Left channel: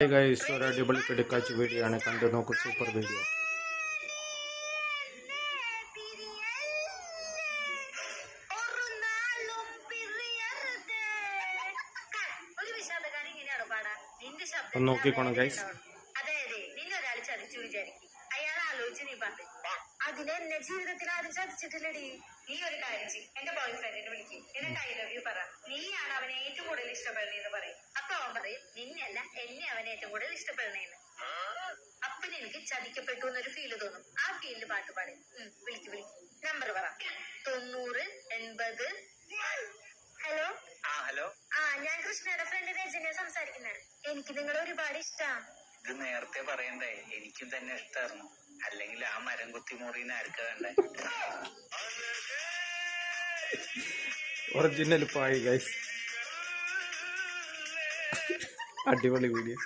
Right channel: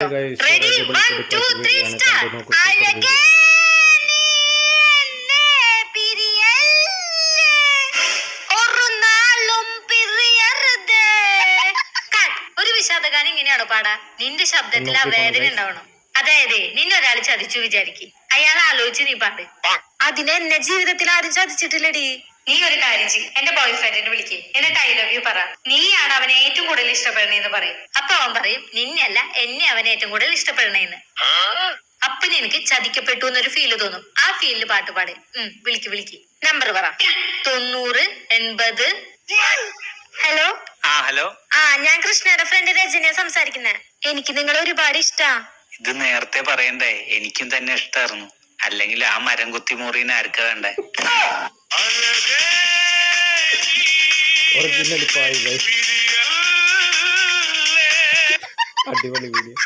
Guys ഒരു അടിപൊളി കിടക്കാച്ച video ആണ് കണ്ടു നോക്കൂ സൂപ്പർ വീഡിയോ ഒരു വിഷാദഗാനം ഇങ്ങനെയാണോ പാടാ നിന്റെ ശബ്ദത്തിൽ ആ വേദന ഉണ്ടാവണം അതായത് നിന്നൊരാൾ ചതിച്ചു വിചാരിക്കും അയാൾ ആലോചിച്ച് നീ പാട് അതിനെ എന്നെ ജീവിതത്തിൽ ആരും ചതിച്ചിട്ടില്ലടി നീ ഒരു കാര്യം ചെയ്യും എന്റെ ബോയ് ഫ്രണ്ടിനെ വിളിക്കും എന്നിട്ട് ഐ ലവ് യു പറ നീയാണ് അവനെ ഏറ്റവും കൂടുതൽ ഇഷ്ടപ്പെടണേന്ന് പറയും അപ്പൊ അവൻ പറയും നിന്നെയല്ല എന്നെ അവനെ ഏറ്റവും കൂടുതൽ ഇഷ്ടപ്പെടണേന്ന് അപ്പൊ നിനക്ക് ചതിക്കപ്പെട്ടു എന്നൊരു ഫീല് തോന്നും ആ ഫീലില് പാട്ട് പാട് വിളിക്ക് നമ്പർ പറ 9080. ഹലോ ഹലോ ഞാൻ കൃഷ്ണയുടെ ഫ്രണ്ട് രജനിയെ സംസാരിക്കുന്നത് എനിക്ക് നിങ്ങളെ ഒരുപാട് ഇഷ്ടാ ഇത് നേരത്തെ പറയണ്ടേ എനിക്കും തന്നെ ഇഷ്ടായിരുന്നു അല്ലെങ്കിൽ ആ മരം കുത്തി മുറിന് ആർക്കാ വേണ്ടേ ഒറിജിനൽ പായി ഗൈസ് അടിപൊളി വീഡിയോ